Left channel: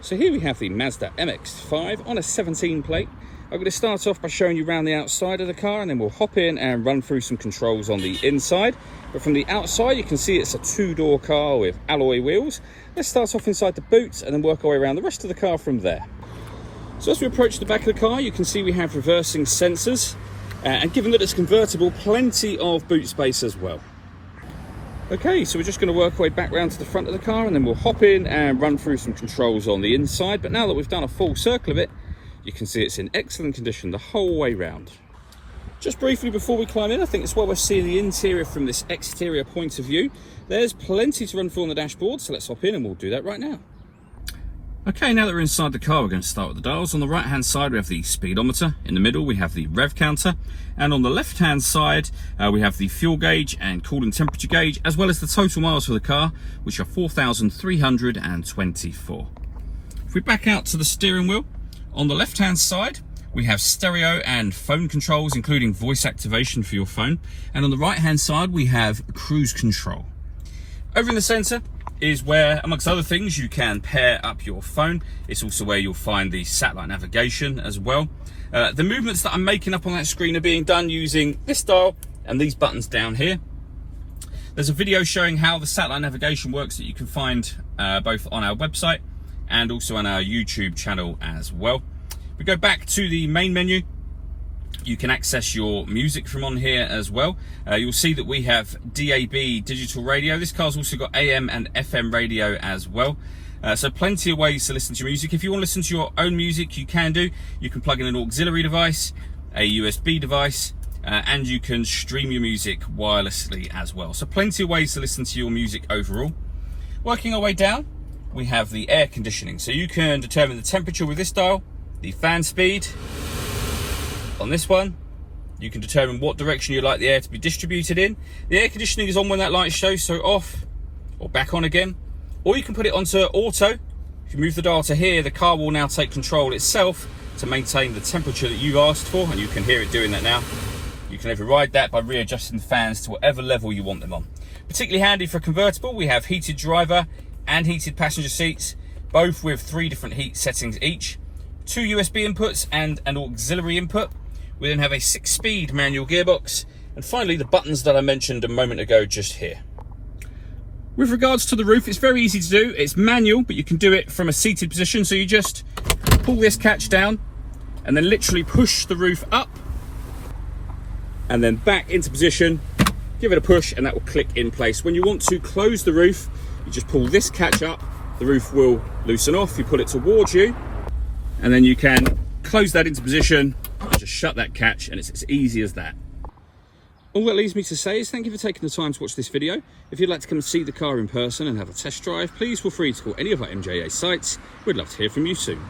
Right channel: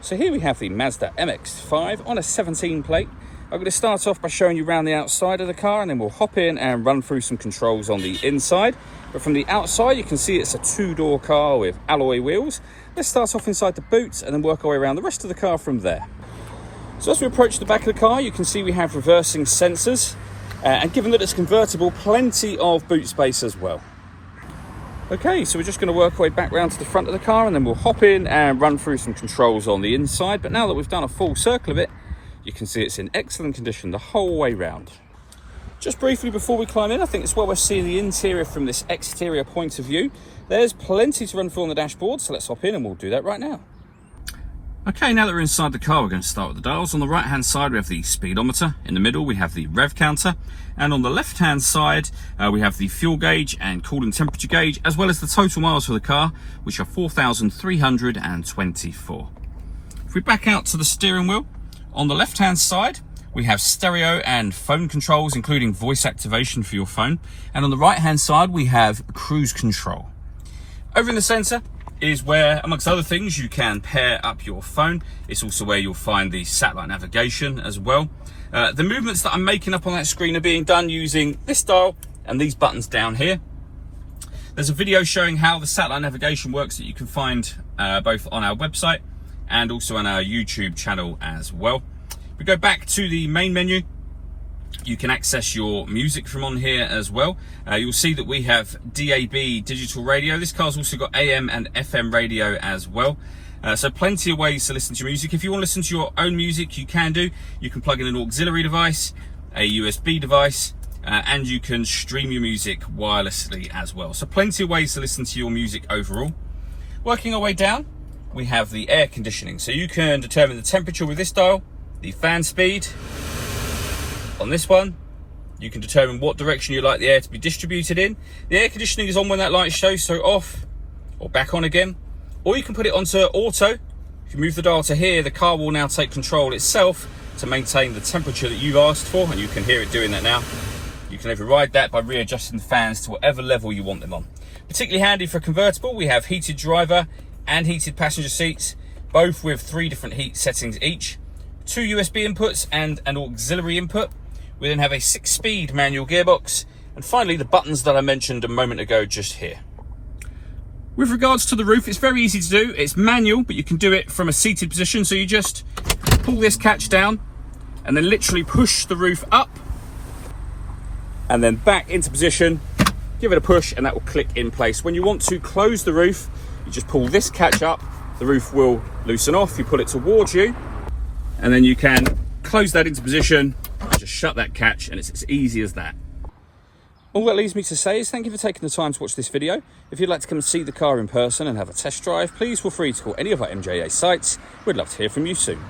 So here we have the Mazda MX5 on a 17 plate. I'm going to start off by showing you around the outside of the car, and then we'll hop in and run through some controls on the inside. But from the outside, you can see it's a two-door car with alloy wheels. Let's start off inside the boot and then work our way around the rest of the car from there. So as we approach the back of the car, you can see we have reversing sensors. And given that it's convertible, plenty of boot space as well. Okay, so we're just going to work our way back round to the front of the car, and then we'll hop in and run through some controls on the inside. But now that we've done a full circle of it, you can see it's in excellent condition the whole way round. Just briefly before we climb in, I think it's well worth seeing the interior from this exterior point of view. There's plenty to run through on the dashboard, so let's hop in and we'll do that right now. Okay, now that we're inside the car, we're going to start with the dials. On the right hand side we have the speedometer, in the middle we have the rev counter, and on the left hand side we have the fuel gauge and coolant temperature gauge, as well as the total miles for the car, which are 4,324. If we back out to the steering wheel, on the left hand side we have stereo and phone controls, including voice activation for your phone, and on the right hand side we have cruise control. Over in the centre is where, amongst other things, you can pair up your phone. It's also where you'll find the satellite navigation as well. The movements that I'm making up on that screen are being done using this dial and these buttons down here. There's a video showing how the satellite navigation works that you can find both on our website and also on our YouTube channel as well. We go back to the main menu. You can access your music from on here as well. You'll see that we have DAB digital radio. This car's also got AM and FM radio as well. So plenty of ways to listen to your music. If you want to listen to your own music, you can do. You can plug in an auxiliary device, a USB device, and you can stream your music wirelessly as well. So plenty of ways to listen to your music overall. Working our way down, we have the air conditioning. So you can determine the temperature with this dial, the fan speed. On this one, you can determine what direction you like the air to be distributed in. The air conditioning is on when that light shows, so off or back on again. Or you can put it onto auto. If you move the dial to here, the car will now take control itself to maintain the temperature that you asked for, and you can hear it doing that now. You can override that by readjusting the fans to whatever level you want them on. Particularly handy for a convertible, we have heated driver and heated passenger seats, both with 3 different heat settings each, 2 USB inputs and an auxiliary input. We then have a 6-speed manual gearbox, and finally the buttons that I mentioned a moment ago just here. With regards to the roof, it's very easy to do. It's manual, but you can do it from a seated position. So you just pull this catch down and then literally push the roof up and then back into position, give it a push, and that will click in place. When you want to close the roof, you just pull this catch up, the roof will loosen off, you pull it towards you, and then you can close that into position, just shut that catch, and it's as easy as that. All that leaves me to say is thank you for taking the time to watch this video. If you'd like to come and see the car in person and have a test drive, please feel free to call any of our MJA sites. We'd love to hear from you soon.